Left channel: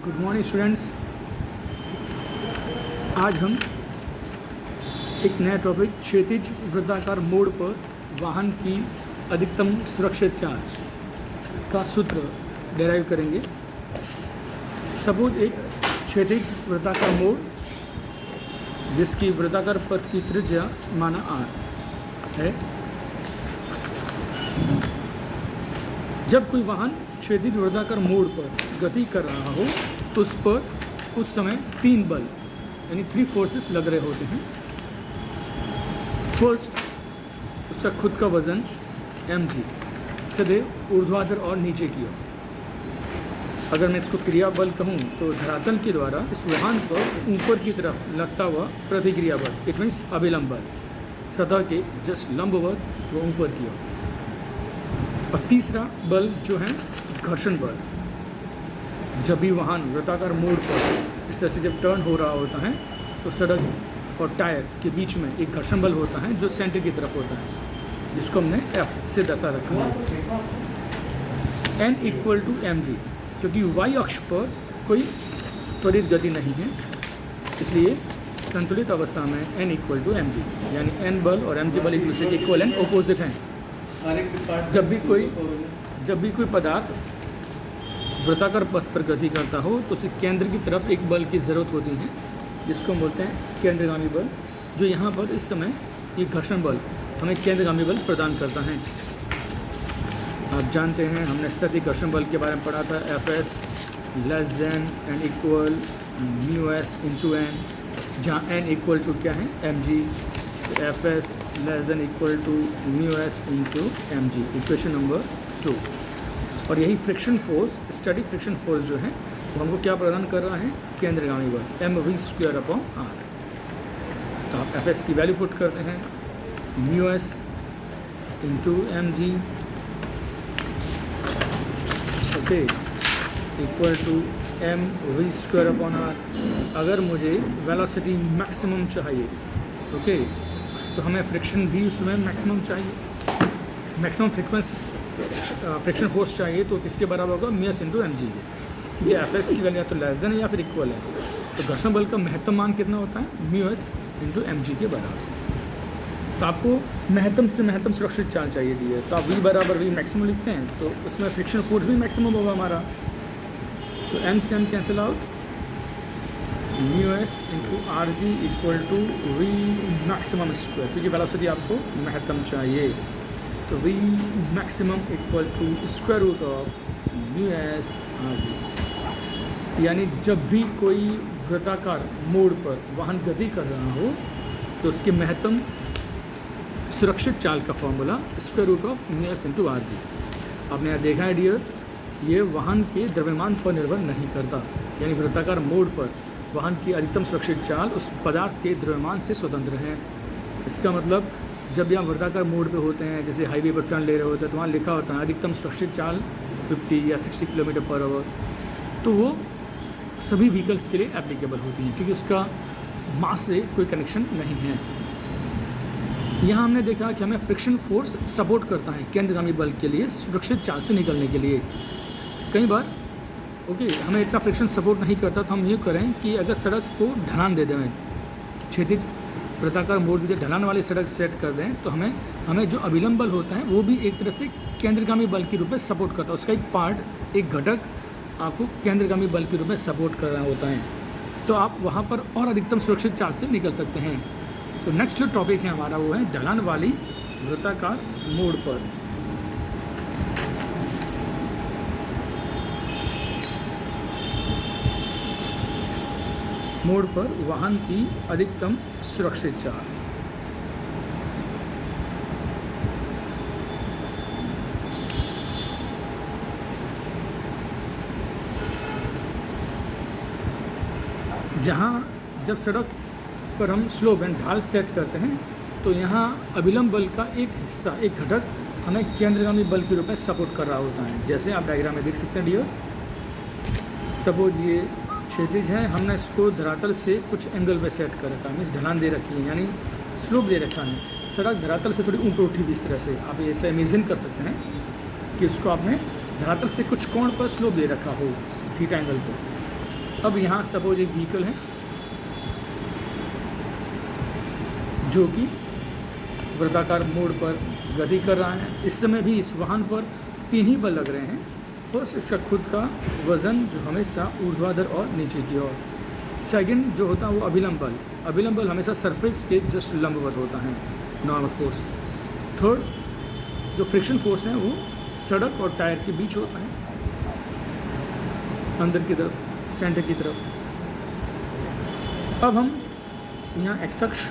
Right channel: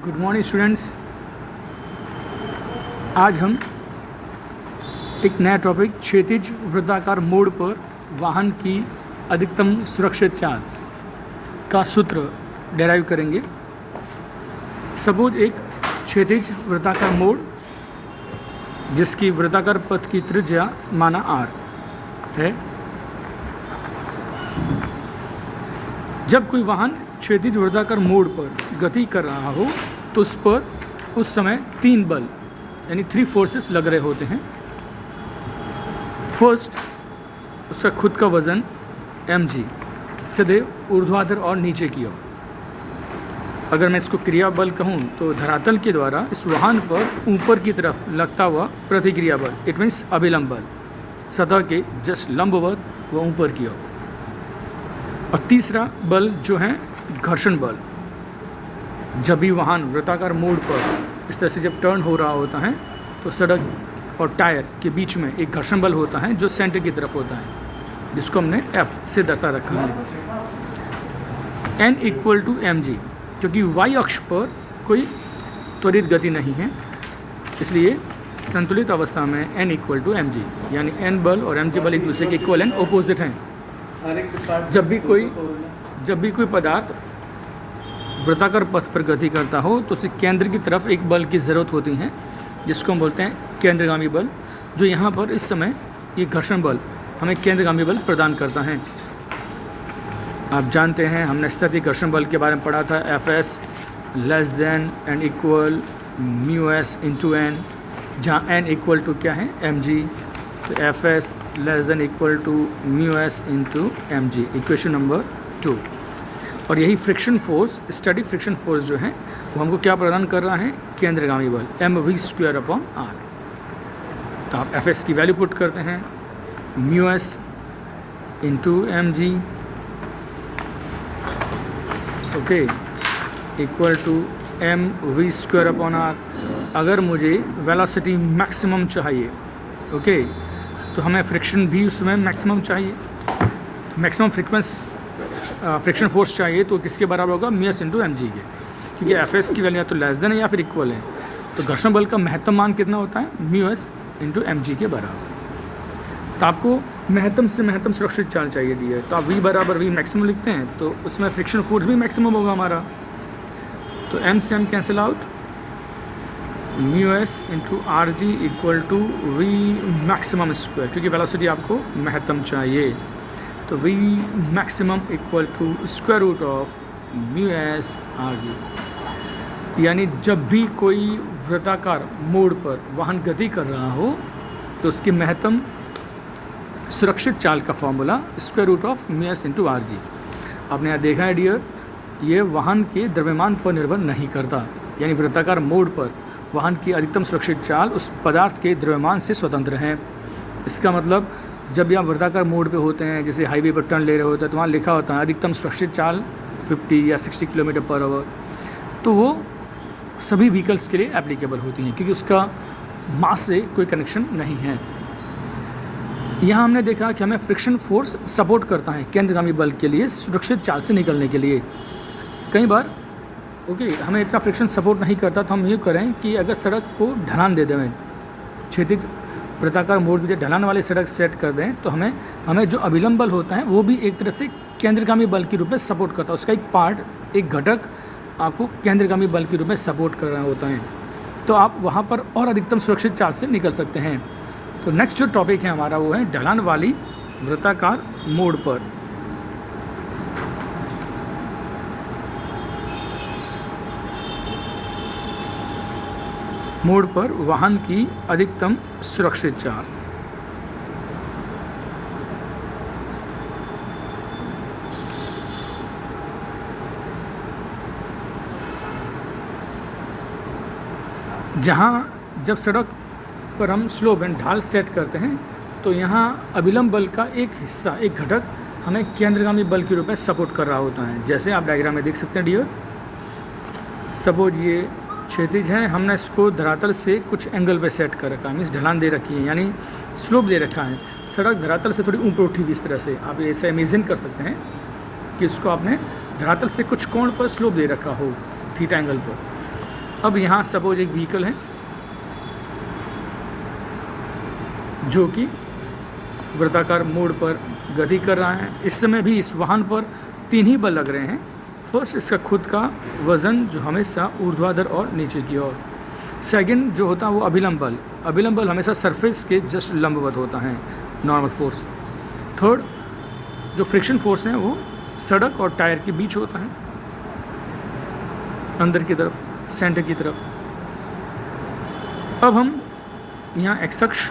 Good morning students. आज हम एक नया टॉपिक क्षैतिज वृत्ताकार मोड़ पर वाहन की अधिकतम सुरक्षित चाल का सूत्र डेराइव करेंगे। सपोज एक क्षैतिज वृत्ताकार मोड़ जिसकी वृत्ताकार पथ की त्रिज्या माना r है। जब कोई वाहन क्षैतिज वृत्ताकार मोड़ पर गति कर रहा हो तो उस पर उस समय 3 बल यानी 3 फोर्सेस लग रहे होते हैं। फर्स्ट, उसका खुद का वज़न mg सदैव ऊर्ध्वाधर और नीचे की ओर। अगर मैं इसको क्रिया बल कहूँ तो धरातल के द्वारा इस वाहन पर ऊपर की तरफ लगता हुआ प्रतिक्रिया बल, इट मीन्स अभिलंब बल, सतह के जस्ट लंबवत व ऊपर की ओर। और तीसरा बल जो है घर्षण बल। जब भी वाहन वृत्ताकार मोड़ पर इस तरह से जब टर्न हो रहा होता है तो सड़क और टायर के बीच में एक घर्षण बल होता है जो सेंटर की तरफ होता है, जिसको हमने F से दर्शा रखा है। N इक्वल टू mg, क्योंकि y अक्ष पर कोई त्वरित गति नहीं है, इसलिए संतुलित अवस्था में N इक्वल टू mg, यानी N बल और mg बल एक दूसरे के इक्वल एंड अपोजिट हैं। जब भी कोई पदार्थ वृत्ताकार पथ पर गति करता हो तो उसे केंद्र की तरफ एक बल की ज़रूरत होती है, जिसको हम बोलते हैं केंद्रगामी बल, जो यहाँ पर इस समय ये घर्षण बल हमें केंद्रगामी बल प्रदान करता है। आप जानते हैं, हमने स्थैतिक घर्षण बल के बारे में पढ़ा था, Fs less than and equal μs into n, जहाँ n इक्वल टू क्या है mg, तो Fs less than equal to μs into mg, equation number 2। और यही friction force, static friction force जो है वो हमको क्या प्रदान कर रहा है, केंद्रगामी बल mv²/r। तो आप Fs की वैल्यू पुट करते हैं, μs into mg, okay, equal to mv²/r। अगर मुझे वेलोसिटी मैक्सिमम चाहिए, ओके, तो हमें फ्रिक्शन भी उसमें मैक्सिमम चाहिए, मैक्सिमम फ्रिक्शन फोर्स चाहिए, तो किसके बराबर होगा, μs इंटू mg के, क्योंकि Fs की वैल्यू या तो लेस देन है या फिर इक्वल है। तो घर्षण बल का महत्तम मान कितना होता है, μs इंटू mg के बराबर। तो आपको महत्तम से महत्तम सुरक्षित चाल चाहिए दी है, तो आप v बराबर v मैक्सिमम लिखते हैं, तो उसमें फ्रिक्शन फोर्स भी मैक्सिमम होगा हमारा। तो m से m cancel out, μs into rg equal to v maximum square, क्योंकि वेलोसिटी आपको महत्तम चाहिए। तो v maximum equal to square root of μs rg। यानी जब भी कोई वृत्ताकार मोड़ पर वाहन गति कर रहा हो तो उसकी महत्तम सुरक्षित चाल का formula square root of μs into rg। आपने यहाँ देखा है डियर, ये वाहन के द्रव्यमान पर निर्भर नहीं करता, यानी वृत्ताकार मोड़ पर वाहन की अधिकतम सुरक्षित चाल उस पदार्थ के द्रव्यमान से स्वतंत्र है। इसका मतलब जब भी आप वृत्ताकार मोड़ पे होते हैं, जैसे हाईवे पर टर्न ले रहे होते हैं, तो वहाँ लिखा होता है अधिकतम सुरक्षित चाल 50 या 60 km/h, तो वो सभी व्हीकल्स के लिए एप्लीकेबल होती हैं, क्योंकि उसका मास से कोई कनेक्शन नहीं है। यहाँ हमने देखा कि हमें फ्रिक्शन फोर्स सपोर्ट करता है केंद्रगामी बल के लिए सुरक्षित चाल से निकलने के लिए। कई बार हमें इतना फ्रिक्शन सपोर्ट नहीं करता, तो हम ये करें कि अगर सड़क को ढलान दे दें, क्षैतिज वृत्ताकार मोड़ की ढलान वाली सड़क सेट कर दें, तो हमें जो अभिलंब बल होता है वो भी एक तरह से केंद्रगामी बल के रूप में सपोर्ट करता है। उसका एक पार्ट, एक घटक आपको केंद्रगामी बल के रूप में सपोर्ट कर रहा होता है, तो आप वहाँ पर और अधिकतम सुरक्षित चाल से निकल सकते हैं। तो नेक्स्ट जो टॉपिक है हमारा वो है ढलान वाली वृत्ताकार मोड़ पर। मोड़ पर वाहन की अधिकतम सुरक्षित चाल। जहाँ जब सड़क पर हम स्लोप एंड ढाल सेट करते हैं, तो यहाँ अभिलंब बल का एक हिस्सा, एक घटक हमें केंद्रगामी बल के रूप में सपोर्ट कर रहा होता है। जैसे आप डायग्राम में देख सकते हैं डियर, सपोज ये क्षैतिज है, हमने इसको धरातल से कुछ एंगल पे सेट कर रखा है, मीन्स ढलान दे रखी है, यानी स्लोप दे रखा है। सड़क धरातल से थोड़ी ऊपर उठी हुई इस तरह से, आप ऐसे इमेजिन कर सकते हैं कि इसको आपने धरातल से कुछ कोण पर स्लोप दे रखा हो, थीटा एंगल पर। अब यहाँ सपोज एक व्हीकल है जो कि वृत्ताकार मोड़ पर गति कर रहा है। इस समय भी इस वाहन पर 3 ही बल लग रहे हैं। फर्स्ट, इसका खुद का वज़न जो हमेशा ऊर्ध्वाधर और नीचे की ओर। सेकंड जो होता है वो अभिलंब बल। अभिलंब बल हमेशा सरफेस के जस्ट लंबवत होता है, नॉर्मल फोर्स। थर्ड, जो फ्रिक्शन फोर्स है वो सड़क और टायर के बीच होता है, अंदर की तरफ, सेंटर की तरफ। अब हम यहाँ एक्स अक्ष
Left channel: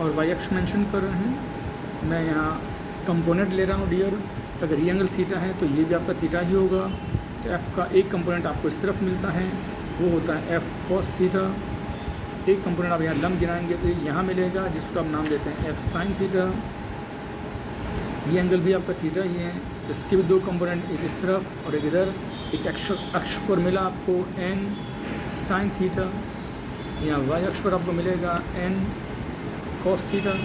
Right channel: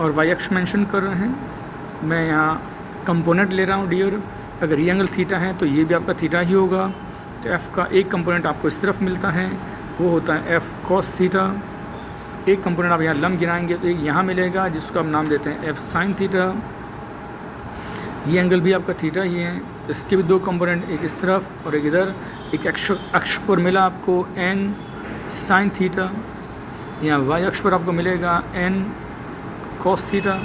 और वाई अक्ष मेंशन कर रहे हैं। मैं यहाँ कंपोनेंट ले रहा हूँ डियर। अगर ये एंगल थीटा है तो ये भी आपका थीटा ही होगा। तो एफ़ का एक कंपोनेंट आपको इस तरफ मिलता है, वो होता है एफ़ कॉस थीटा। एक कंपोनेंट आप यहाँ लंब गिराएंगे तो एक यहाँ मिलेगा जिसको आप नाम देते हैं एफ़ साइन थीटा। ये एंगल भी आपका थीटा ही है। इसके भी 2 कंपोनेंट, एक इस तरफ और एक इधर। एक अक्ष पर मिला आपको एन साइन थीटा, यहाँ वाई अक्ष पर आपको मिलेगा एन कॉस थीटा।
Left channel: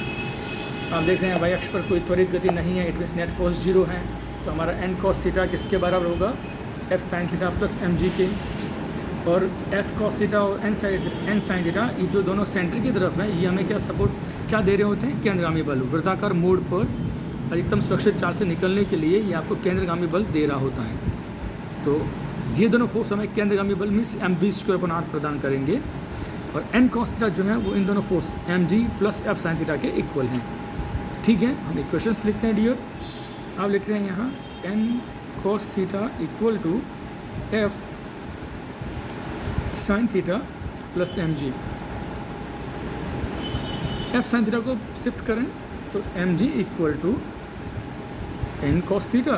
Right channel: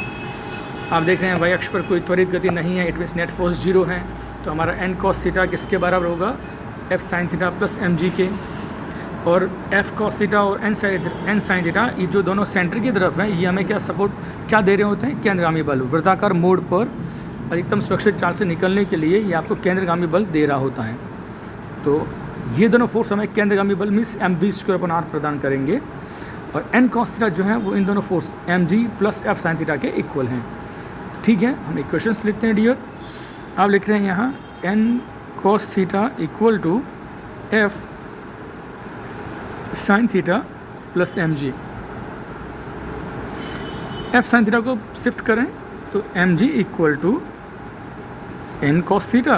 आप देख रहे हैं वाई अक्ष पर कोई त्वरित गति नहीं है, इट मीन्स नेट फोर्स 0 है। तो हमारा एन कॉस थीटा किसके बराबर होगा? F sine theta plus M G के। और एफ कॉस थीटा और एन साइन थीटा, ये जो दोनों सेंटर की तरफ हैं, ये हमें क्या दे रहे होते हैं? केंद्रगामी बल। वृत्ताकार मोड़ पर अधिकतम सुरक्षित चाल से निकलने के लिए ये आपको केंद्रगामी बल दे रहा होता है। तो ये दोनों फोर्स हमें केंद्रगामी बल मीन्स mv² प्रदान करेंगे। और एन कॉस थीटा जो है वो इन दोनों force mg plus F sine theta के इक्वल हैं। ठीक है, हम इक्वेशंस लिखते हैं डियर। आप लिख रहे हैं यहाँ N cos theta equal to F sine theta plus mg। F sine theta को शिफ्ट करें तो mg equal to N cos theta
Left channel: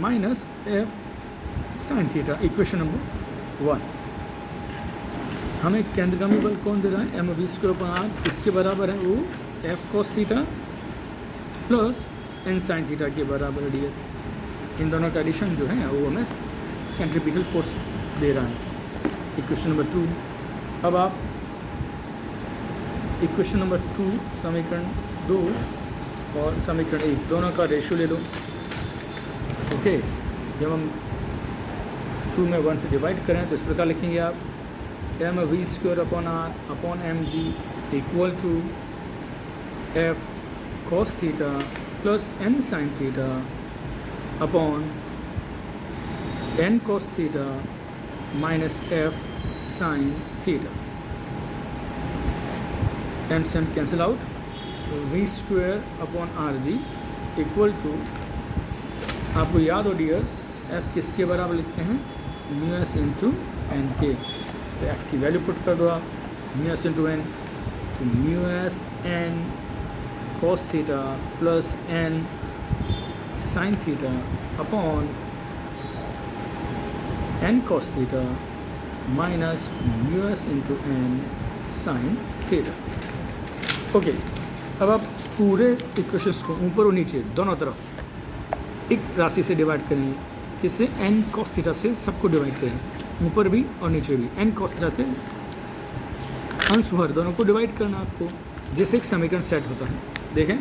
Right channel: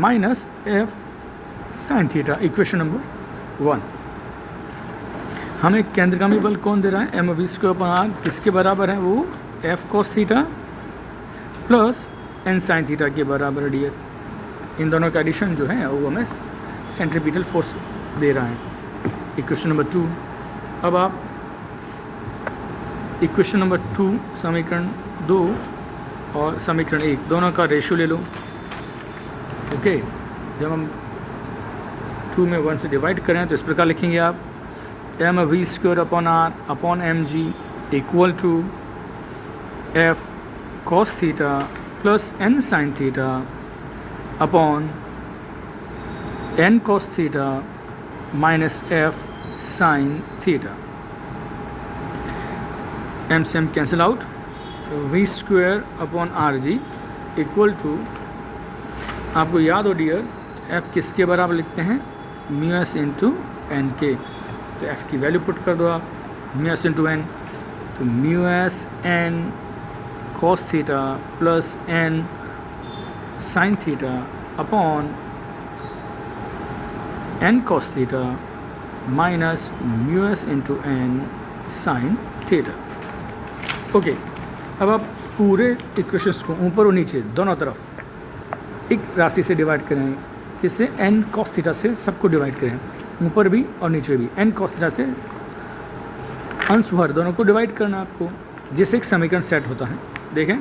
minus F sine theta, equation number 1। हमें केंद्रगामी बल कौन दे रहा है? mv²r। किसके बराबर है वो? F cos theta plus N sine theta के बराबर डियर। इन दोनों का एडिशन जो है वो हमें सेंट्रीपिटल फोर्स दे रहा है, इक्वेशन नंबर 2। अब आप इक्वेशन नंबर 2 समीकरण 2 और समीकरण 1 दोनों का रेशियो ले लो। ओके, जब हम 2 में 1 से डिवाइड करें तो इस प्रकार लिखेंगे आप mv²r upon mg equal to F cos theta plus N sine theta upon N cos theta minus F sine theta. M से m cancel out, v² upon R G equal to, आपको याद हो डियर, f किसके बराबर लिखते हैं? Mu S into N के। तो f की वैल्यू पुट कर दो आप, म्यू एस इंटू एन। तो mu S N cos theta plus N sine theta upon N cos theta minus mu S into N sine theta. Okay, अब आप पूरे इक्वेशंस को ऊपर और नीचे दोनों तरफ एक राशि से डिवाइड करें, जिससे एन कॉस थीटा से सबको डिवाइड करें, ऊपर भी और नीचे भी। एन कॉस थीटा से अंश भर दोनों को डिवाइड करना आपको, जिससे एक समीकरण सेट होता है। देखें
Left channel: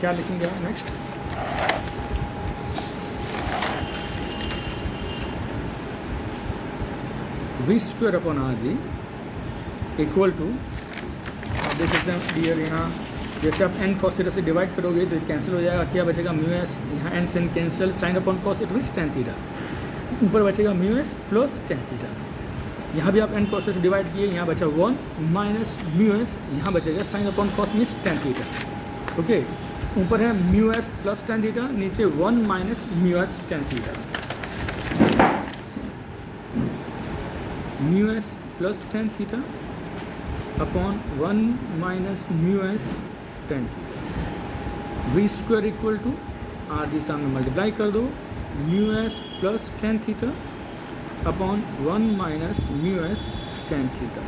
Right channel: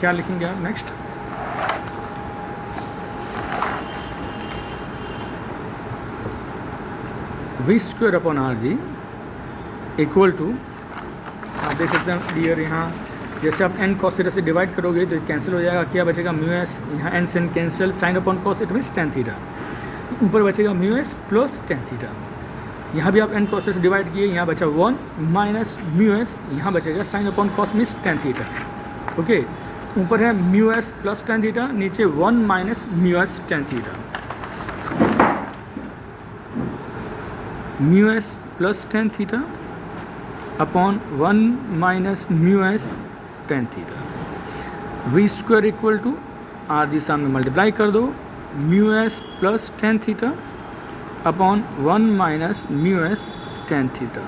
क्या लिखेंगे आप next. v² upon R G equal to, आप देख सकते हैं डियर, यहाँ जैसे आप एन कॉस थीटा से डिवाइड करोगे तो कैंसिल हो जाएगा। क्या बचेगा? म्यू एस, यहाँ एन से N cancel, sine upon cos it means tan theta. ऊपर बचेगा mu S plus tan theta. यहाँ भी आप एन कॉस से डिवाइड किए, यहाँ बचा 1 माइनस म्यू एस, यहाँ बचेगा sine upon cos means tan theta. Okay, ऊपर है mu S plus tan theta, नीचे 1 minus mu S tan theta. Mu S plus tan theta upon 1 minus mu S tan theta. v² equal to R G सामने multiply कर दो, mu S plus tan theta upon 1 minus mu S tan theta.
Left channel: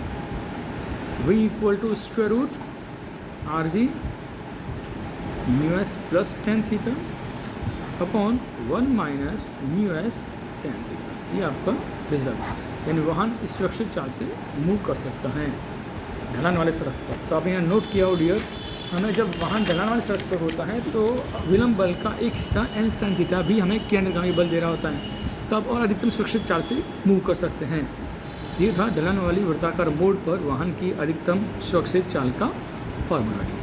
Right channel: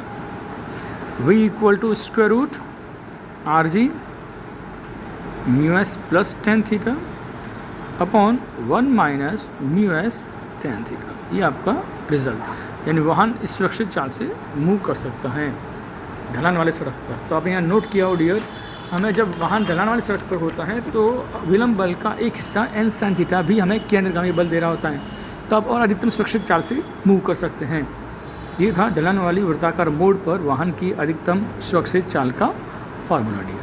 v equal to square root R G mu S plus tan theta upon 1 minus mu S tan theta. ये आपका result, यानी वाहन इस सुरक्षित चाल से मूव कर सकता है ढलान वाले सड़क पर। तो आप यहाँ नोट किया हो डियर, हमें जब वाहन ढलान वाली सड़क पर होता है तो विलंब बल का एक हिस्सा एन साइन थीटा भी हमें केंद्रगामी बल दे रहा होता है, तो आप और अधिकतम सुरक्षित चाल से मूव कर सकते हैं। ये था ढलान वाली वृत्ताकार मोड़ पर वाहन की अधिकतम सुरक्षित चाल का फार्मूला।